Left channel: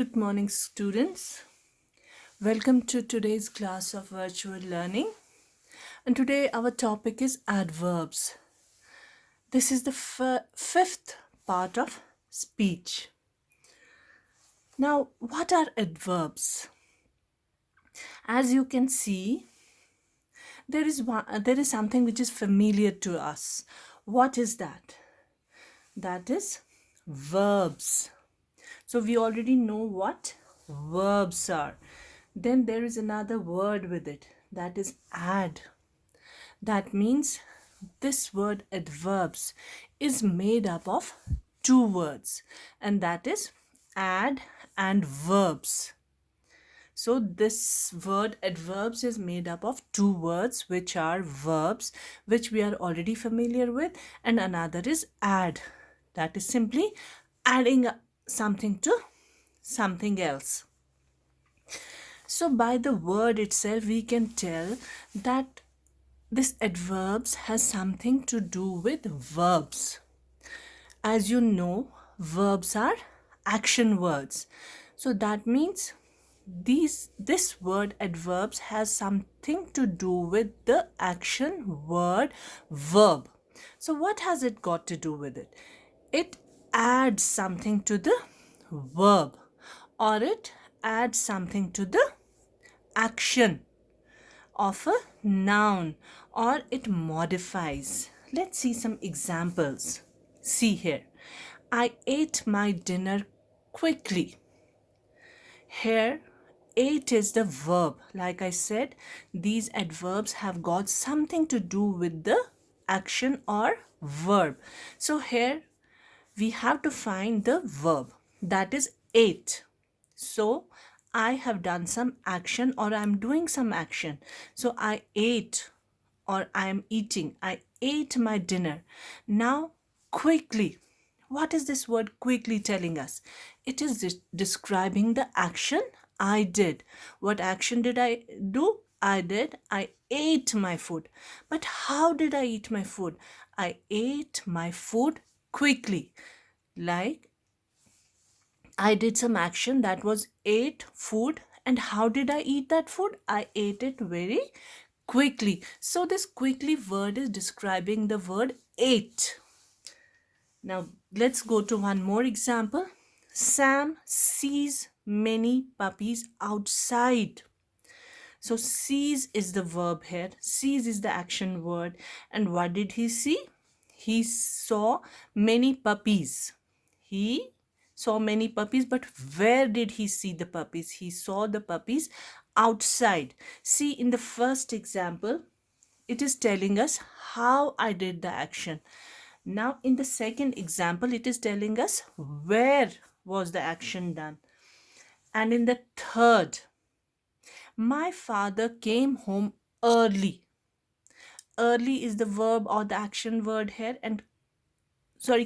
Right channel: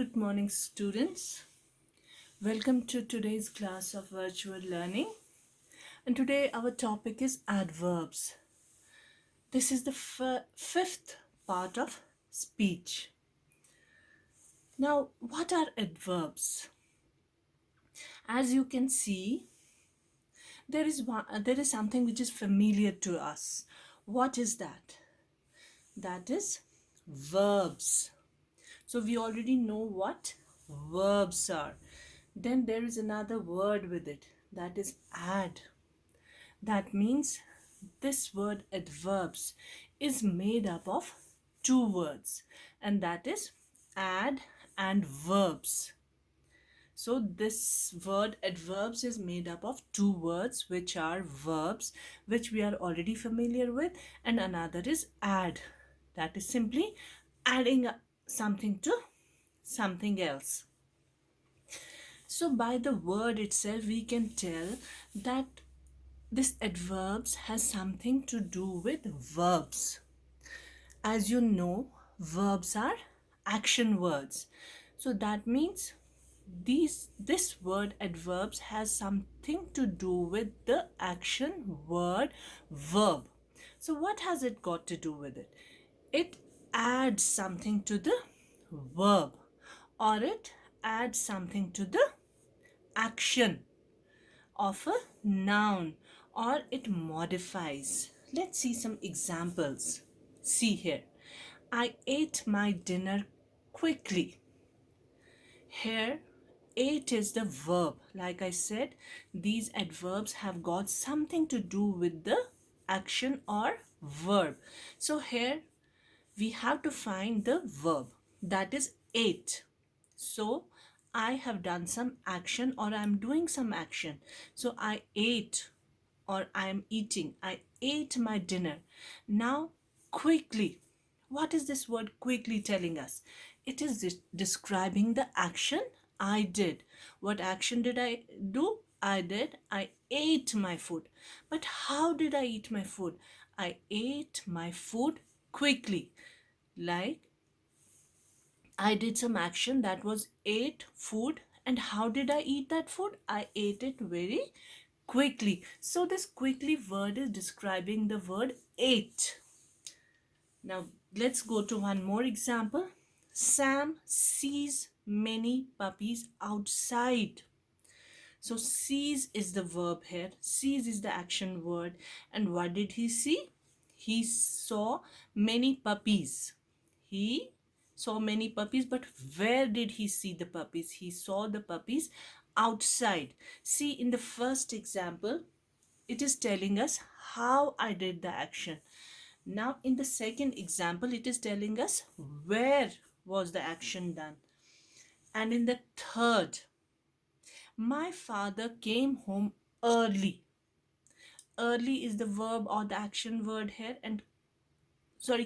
Good morning, students. Welcome to today's class of virtual learning. And today our topic is adverbs. This is the fifth part of speech. Now, what are adverbs? As you can see, there is something which is familiar to us. What is that? That is verbs. So we already know what verbs are. Then there is another word with it, that is add. That means this word adverbs is made up of two words, and that is add and verbs. So this word adverbs is made up of two words which are verbs, which we are already familiar with, and another is add. That is simply adding something to something else. So by the word itself we can tell that this adverbs has something to do with verbs. As you know, verbs are action words. So that means this word adverbs has something to do with the action word verb. So what has it got to do with it? It adds something to the verb, or it adds something to the action of a noun, or it modifies. Let's see some examples. See here. I ate my dinner quickly. Here, ate is the verb. Like I said, these adverbs have got something to do with the action or verb. So here we have to find the verb, that is ate. So I have done some action, or I'm doing some action. So I ate, or I am eating. I ate my dinner. Now, quickly. What is this word quickly telling us? It is describing the action I did. What action did I do? I ate my food. But how did I eat my food? I ate my food quickly. Like I did some action, that was ate food. And how did I eat that food? I ate it very quickly. So this quickly word is describing the word ate. Now let's go to one more example. Sam sees many puppies outside. So sees is the verb here. Sees is the action word. And what did he see? He saw many puppies. He saw many puppies, but where did he see the puppies? He saw the puppies outside. See, in the first example, it is telling us how I did the action. Now, in the second example, it is telling us where was the action done. And in the third, my father came home early. Early is the verb or the action word here, and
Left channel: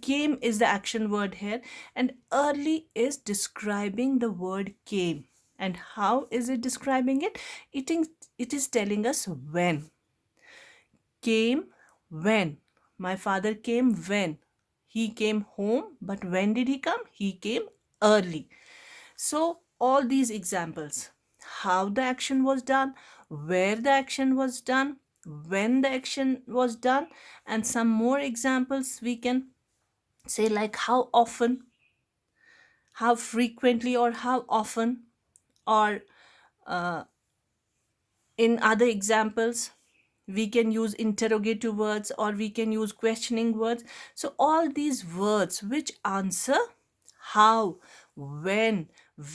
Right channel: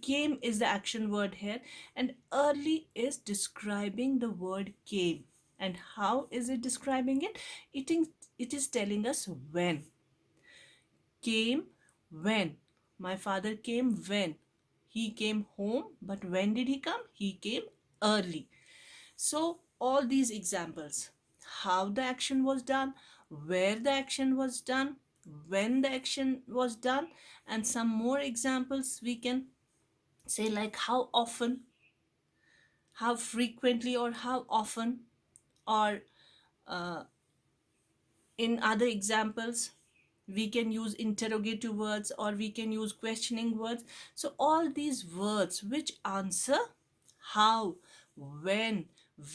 came is the action word here, and early is describing the word came. And how is it describing it? It is telling us when. Came when. My father came when. He came home, but when did he come? He came early. So all these examples, how the action was done, where the action was done, when the action was done, and some more examples we can say, like how often, how frequently, or how often, or uh, in other examples we can use interrogative words, or we can use questioning words. So all these words which answer how, when,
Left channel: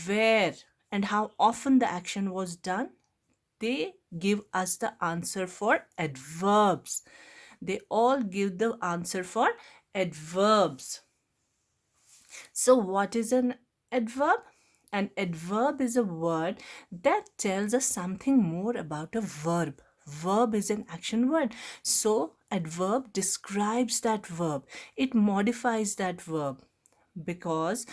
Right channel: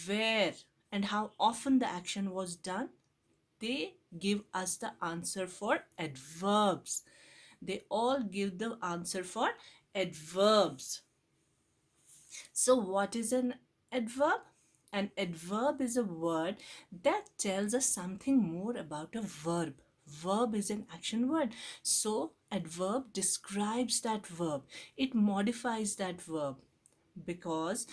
where, and how often the action was done, they give us the answer for adverbs. They all give the answer for adverbs. So what is an adverb? An adverb is a word that tells us something more about a verb. Verb is an action word. So adverb describes that verb. It modifies that verb, because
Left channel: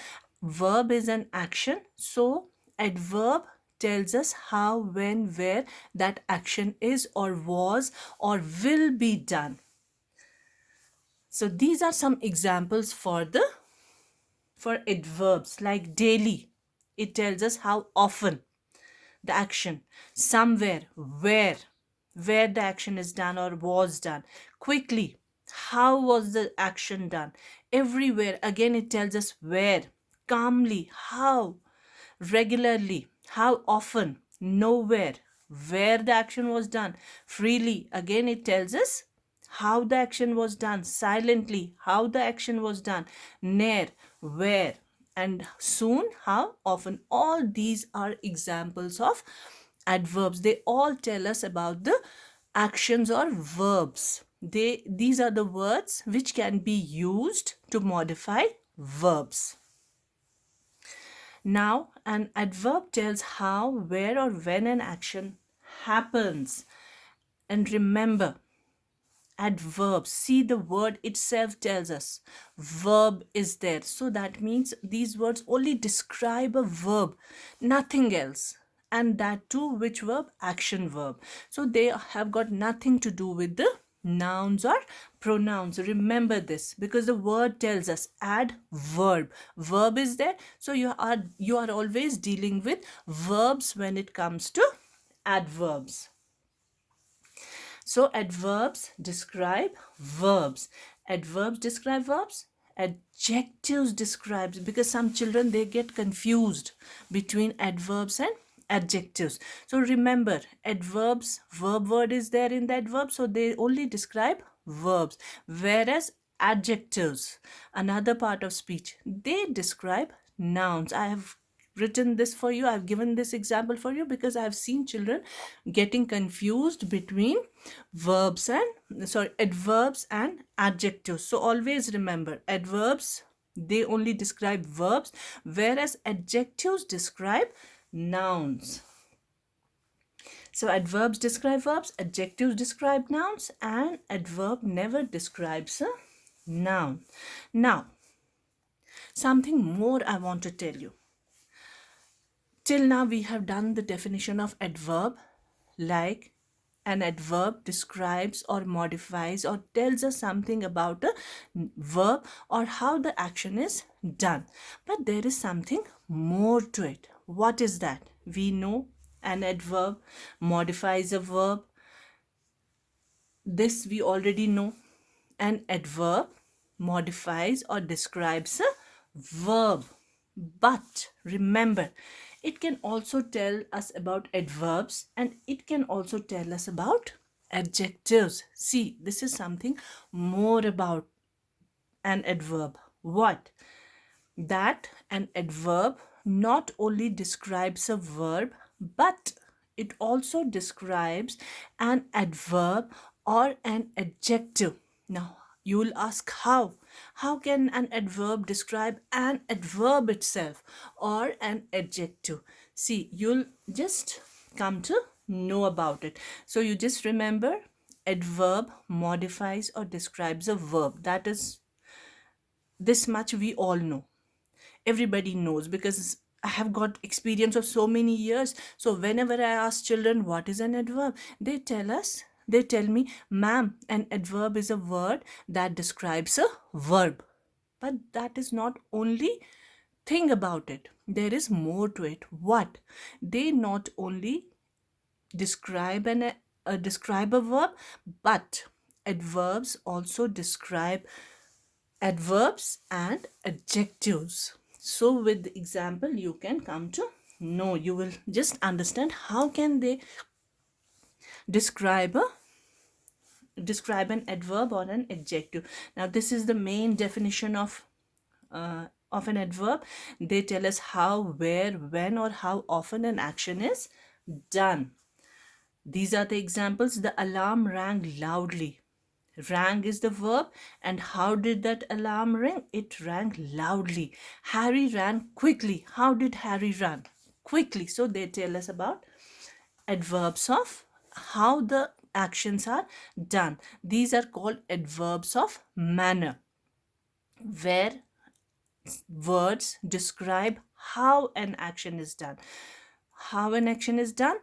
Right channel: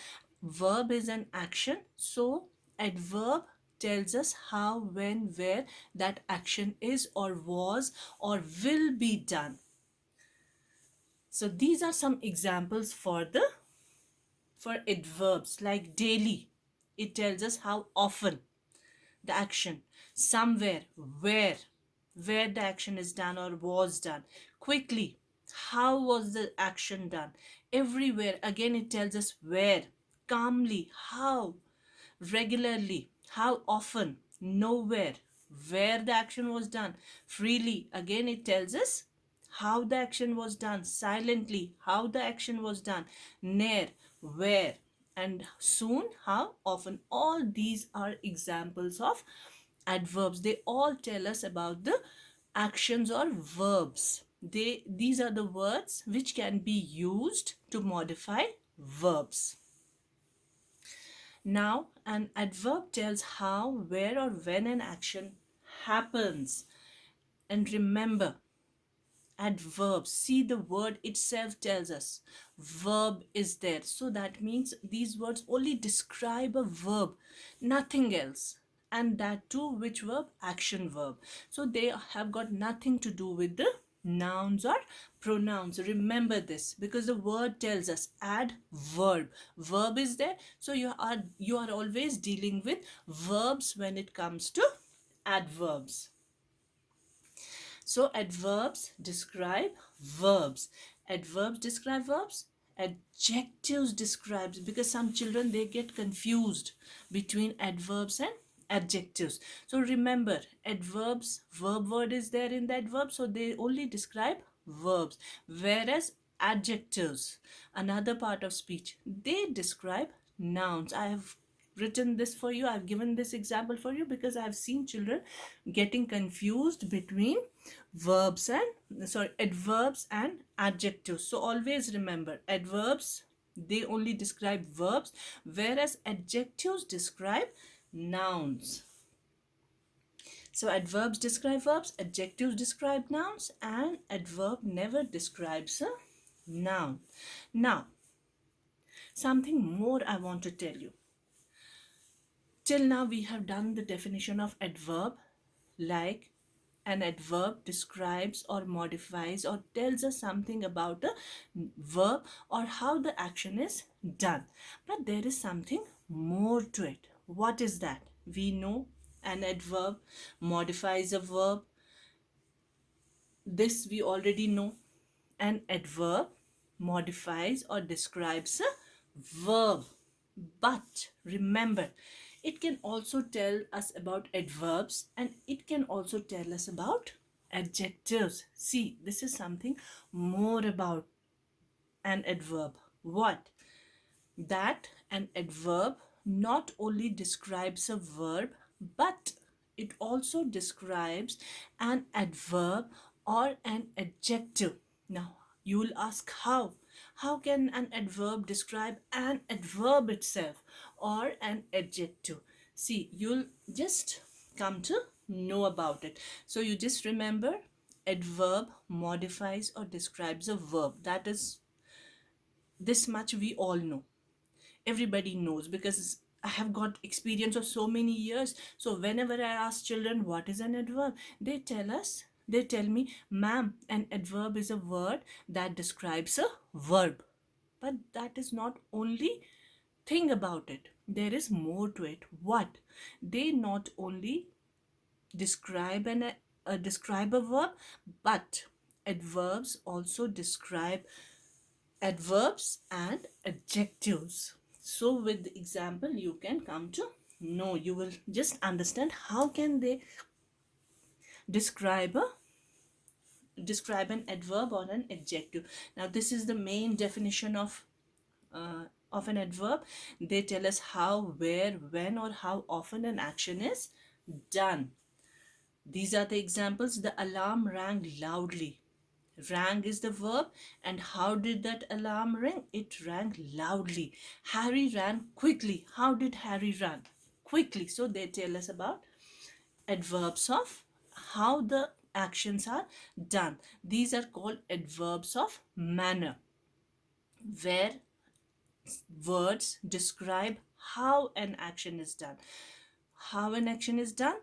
verb is an action. So adverb tells us how, when, where that action is, or was, or will be done. So these are some examples for adverbs, like daily. it tells us how often the action, somewhere, where the action is done or was done, quickly, how was the action done, everywhere, again it tells us where, calmly, how, regularly, how often, nowhere, where the action was done, freely, again it tells us how the action was done, silently, how the action was done, near, where, and soon, how often. All these are examples of adverbs. They all tell us about the actions or verbs. These are the words which can be used to modify verbs. Now, an adverb tells how, where, or when an action happens. And remember, adverbs, see, the word itself tells us verb is there. So that means these words only describe a verb, nothing else. And that too, which verb? Action verb. So they have got nothing to do with the nouns or pronouns. Remember this, because the word tells us adverb. Verb is there. So you are always dealing with verbs when it comes to adverbs. So adverbs describe verbs. Adverbs describe verbs. Adjectives describes, because some children they get confused between adverbs and adjectives. So remember, adverbs, verb word is there in the adverb, so they only describe verbs, whereas adjectives, another part of speech, they describe nouns. I have written this for you, I've given this example for you because I've seen children getting confused between adverbs and adjectives. So always remember, adverbs, they only describe verbs, whereas adjectives describe nouns. So adverbs describe verbs, adjectives describe nouns, and adverb never describes a noun. Now, something more I want to tell you. Till now we have done the definition of adverb, like an adverb describes or modifies or tells us something about a verb or how the action is done. But there is something more to it. What is that? We know an adverb modifies a verb. This we already know. An adverb modifies or describes a verb. But remember, it can also tell us about adverbs and it can also tell us about adjectives. See, this is something more about an adverb. What? That an adverb not only describes a verb, but it also describes an adverb or an adjective. Now, you will ask how? How can an adverb describe an adverb itself or an adjective? See, you'll just come to know about it. So you just remember, adverb modifies or describes a verb. That is, this much we all know. Everybody knows because I have got experience of so many years. So whenever I ask children what is an adverb, they tell me, ma'am, an adverb is a word that describes a verb. But that is not only thing about it. There is more to it. What? They not only describe a verb, but adverbs also describe adverbs and adjectives. So with the example you can come to know, you will just understand how can they describe an adverb or an adjective. Now this is the main definition of an adverb. They tell us how, where, when, or how often an action is done. These are the examples. The alarm rang loudly. Rang is the verb, and how did that alarm ring? It rang loudly. Harry ran quickly. How did Harry run? Quickly. So they tell us about adverbs of how the actions are done. These are called adverbs of manner, where words describe how an action is done. How an action is done?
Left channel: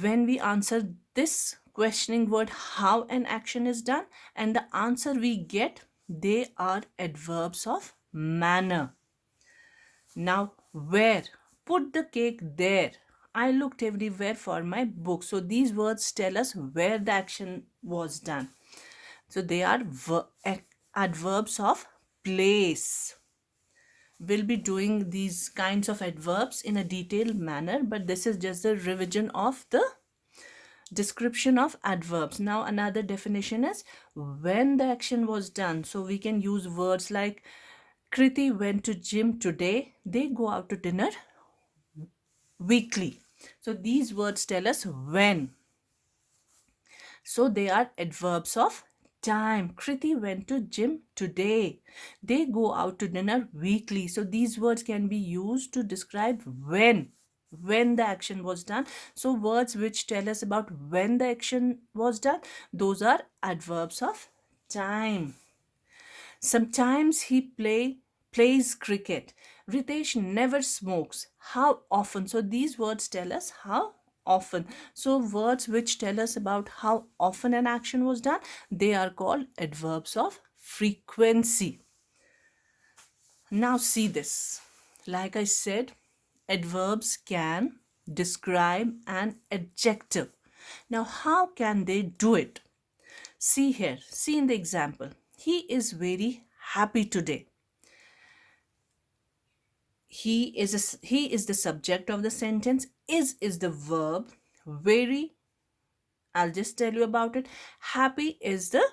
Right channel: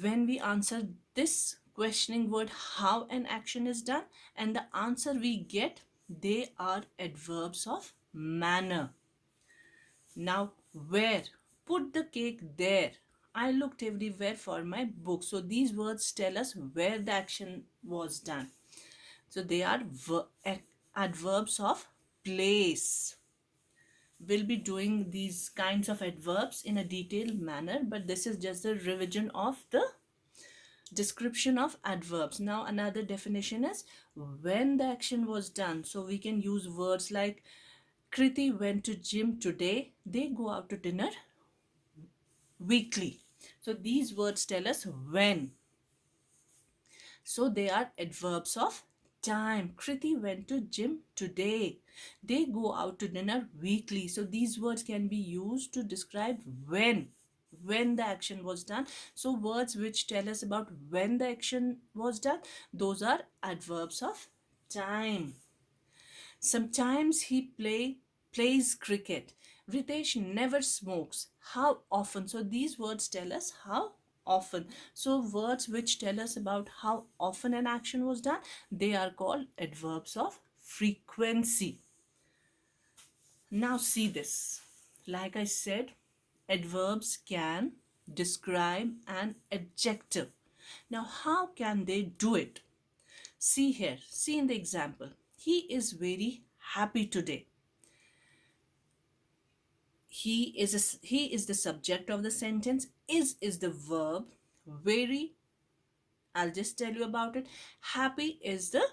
When we answer this questioning word, how an action is done, and the answer we get, they are adverbs of manner. Now, where? Put the cake there. I looked everywhere for my book. So these words tell us where the action was done. So they are adverbs of place. We'll be doing these kinds of adverbs in a detailed manner, but this is just a revision of the description of adverbs. Now another definition is when the action was done. So we can use words like Kriti went to gym today. They go out to dinner weekly. So these words tell us when. So they are adverbs of time. Kriti went to gym today. They go out to dinner weekly. So these words can be used to describe when the action was done. So words which tell us about when the action was done, those are adverbs of time. Sometimes he plays cricket. Ritesh never smokes. How often? So these words tell us how often. So words which tell us about how often an action was done, they are called adverbs of frequency. Now see this. Like I said, adverbs can describe an adjective. Now how can they do it? See here, see in the example. He is very happy today. He is the subject of the sentence. Is the verb. Very, I'll just tell you about it. Happy is the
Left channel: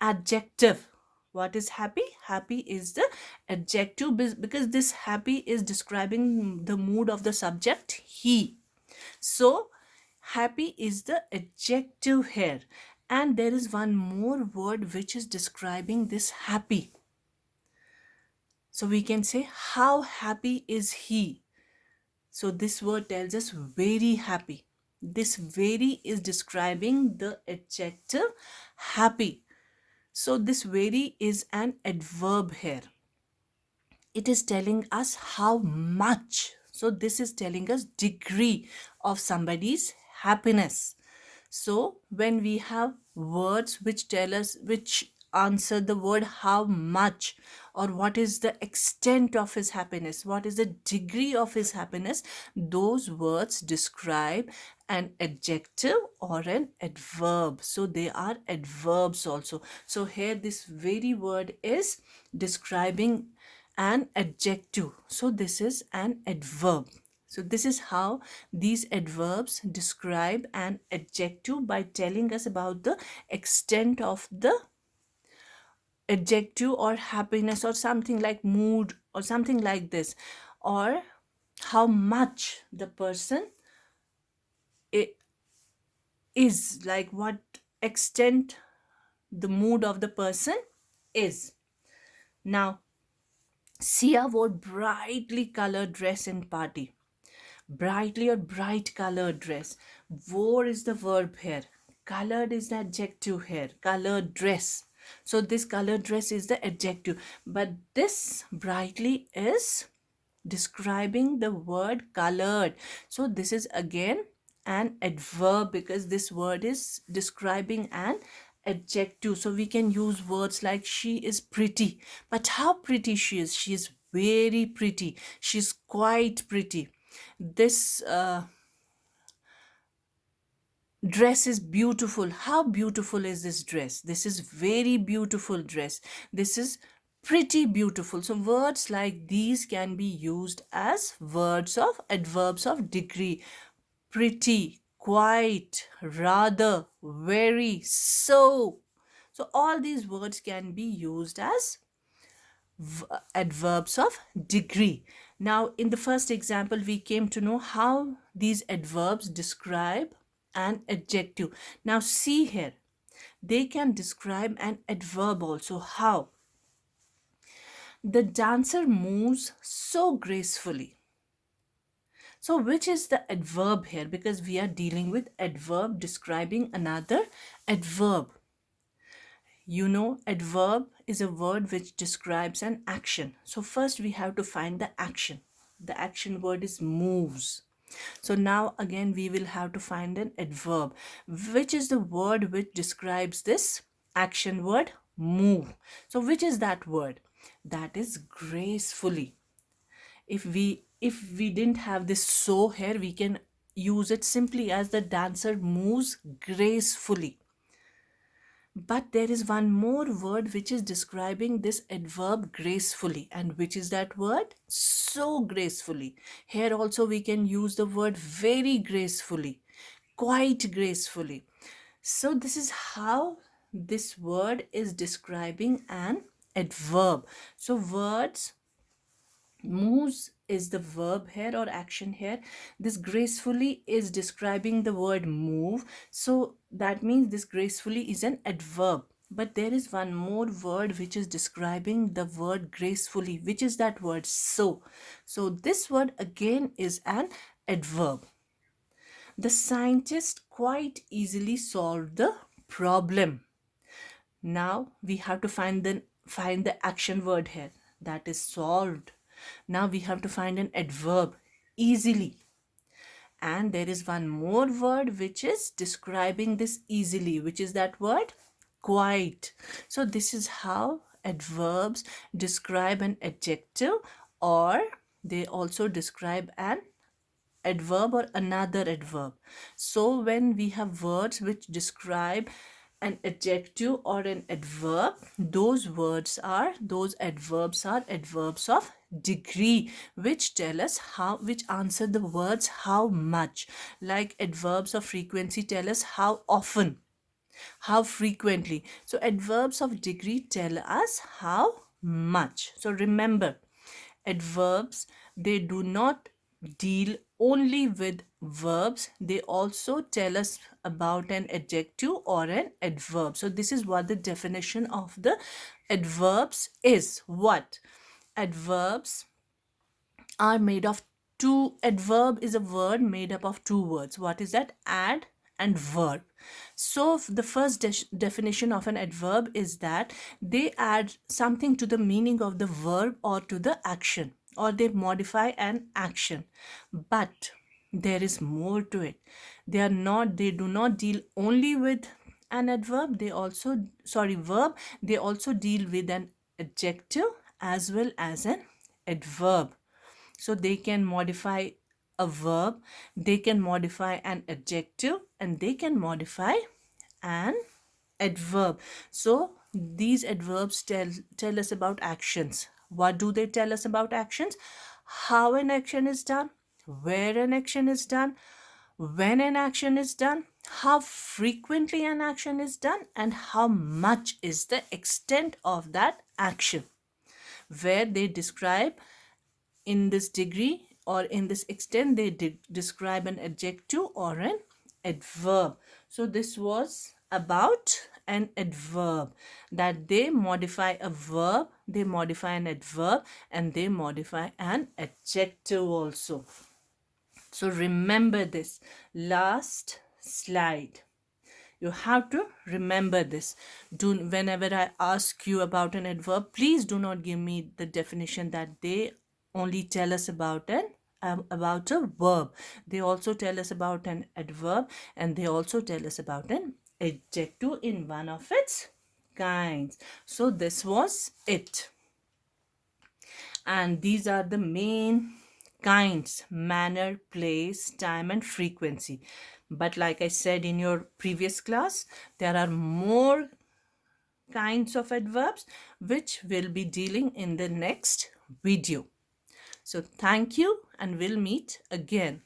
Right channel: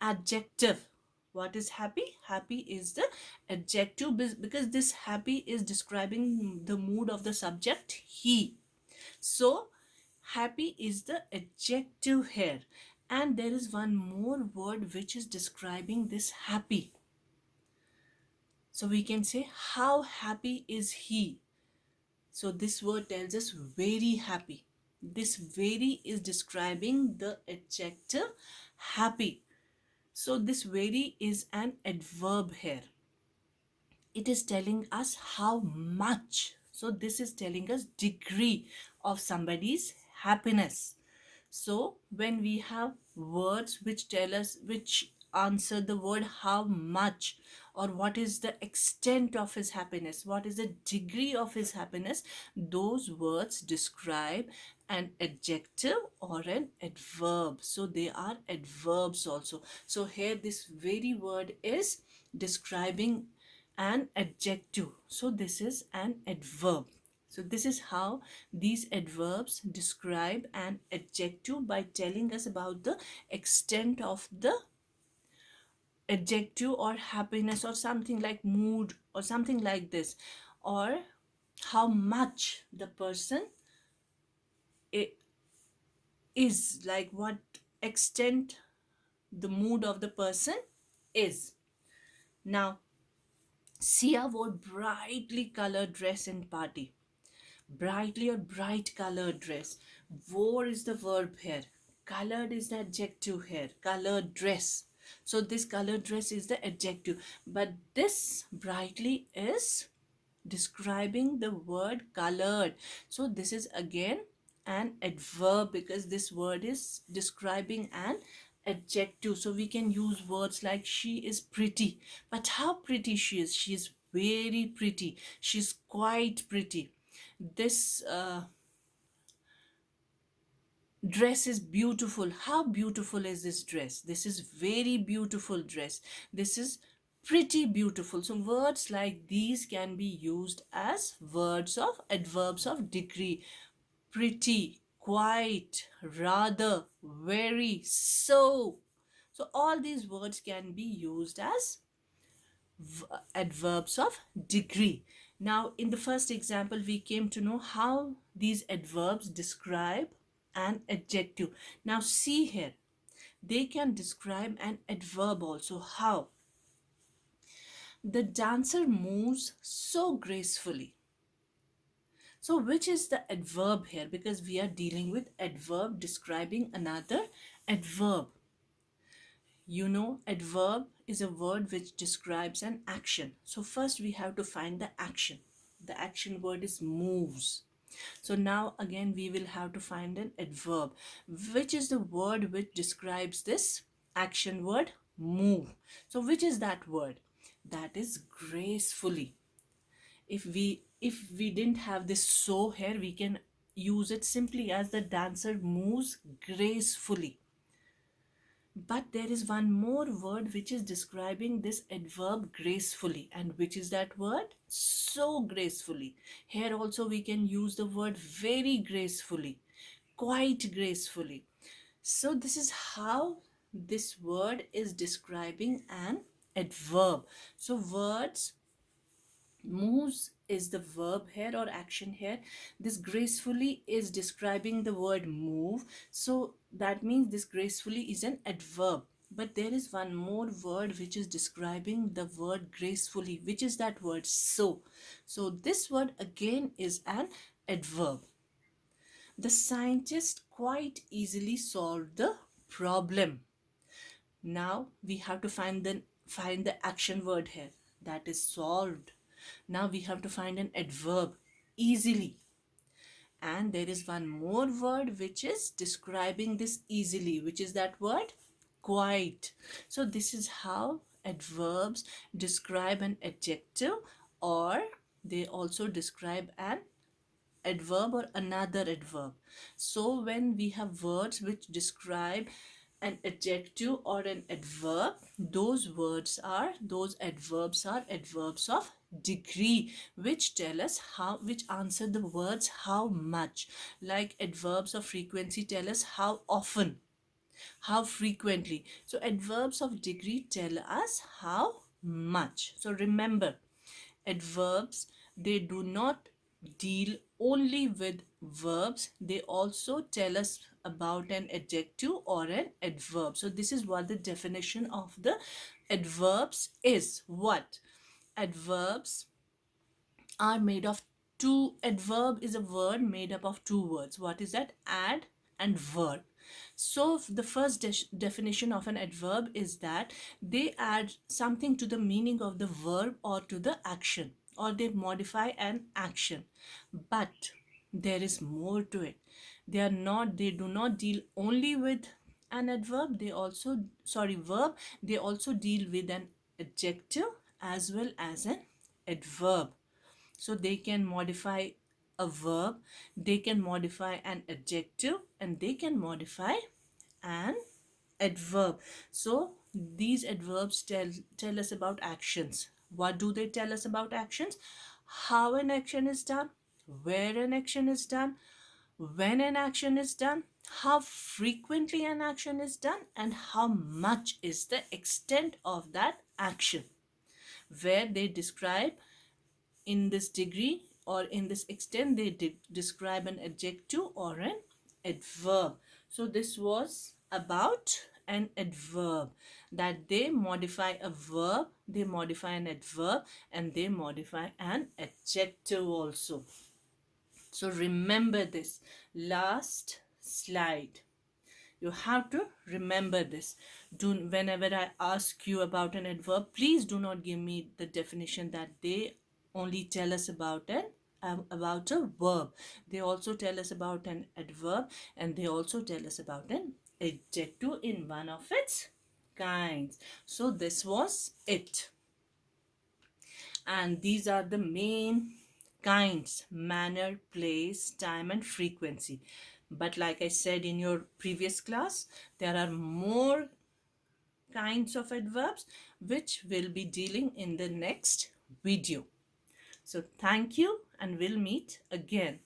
adjective. What is happy? Happy is the adjective because this happy is describing the mood of the subject, he. So happy is the adjective here. And there is one more word which is describing this happy. So we can say, how happy is he? So this word tells us very happy. This very is describing the adjective happy. So this very is an adverb here. It is telling us how much. So this is telling us degree of somebody's happiness. So when we have words which tell us, which answer the word how much, or what is the extent of his happiness, what is the degree of his happiness, those words describe an adjective or an adverb. So they are adverbs also. So here this very word is describing an adjective. So this is an adverb. So this is how these adverbs describe an adjective by telling us about the extent of the adjective or happiness or something like mood or something like this, or how much the person is, like what extent the mood of the person is. Now, Sia wore brightly colored dress in party. Brightly or bright colored dress. Wore is the verb here. Colored is the adjective here. Colored dress. So this colored dress is the adjective. But this brightly is describing the word colored. So this is again an adverb because this word is describing an adjective. So we can use words like she is pretty. But how pretty she is? She is very pretty. She's quite pretty. This dress is beautiful. How beautiful is this dress? This is very beautiful dress. This is pretty beautiful. So words like these can be used as words of adverbs of degree. Pretty, quite, rather, very, so. So all these words can be used as adverbs of degree. Now, in the first example, we came to know how these adverbs describe an adjective. Now, see here, they can describe an adverb also. How? The dancer moves so gracefully. So, which is the adverb here? Because we are dealing with adverb describing another adverb. You know, adverb is a word which describes an action. So first we have to find the action. The action word is moves. So now again we will have to find an adverb. Which is the word which describes this action word? Move. So which is that word? That is gracefully. If we if we didn't have this so here, we can use it simply as the dancer moves gracefully. But there is one more word which is describing this adverb gracefully. And which is that word? So gracefully. Here also we can use the word very gracefully, quite gracefully. So this is how this word is describing an adverb. So words, moves is the verb here or action here. This gracefully is describing the word move. So that means this gracefully is an adverb. But there is one more word which is describing the word gracefully, which is that word so. So this word again is an adverb. The scientist quite easily solved the problem. Now we have to find the action word here, that is solved. Now we have to find an adverb, easily. And there is one more word which is describing this easily, which is that word quite. So this is how adverbs describe an adjective, or they also describe an adverb or another adverb. So when we have words which describe an adjective or an adverb, those adverbs are adverbs of degree, which tell us how, which answer the words how much. Like adverbs of frequency tell us how often, how frequently. So adverbs of degree tell us how much. So remember, adverbs, they do not deal only with verbs, they also tell us about an adjective or an adverb. So this is what the definition of the adverbs is. What adverbs are made of? Two. Adverb is a word made up of two words. What is that? Add and verb. So the first definition of an adverb is that they add something to the meaning of the verb or to the action, or they modify an action. But there is more to it. They do not deal only with an adverb, they also, sorry, verb, they also deal with an adjective as well as an adverb. So they can modify a verb, they can modify an adjective, and they can modify an adverb. So these adverbs tell us about actions. What do they tell us about actions? How an action is done, where an action is done, when an action is done, how frequently an action is done, and how much is the extent of that action. Where they describe in this degree or in this extent, they describe an adjective or an adverb. So this was about an adverb, that they modify a verb, they modify an adverb, and they modify an adjective also. So remember this. Last slide. You have to remember this. Whenever I ask you about an adverb, please do not give me the definition that they only tell us about about a verb. They also tell us about an adverb, and they also tell us about an adjective in one of its kinds. So this was it. And these are the main kinds: manner, place, time, and frequency. But like I said in your previous class, there are more kinds of adverbs which we'll be dealing in the next video. So thank you, and we'll meet again.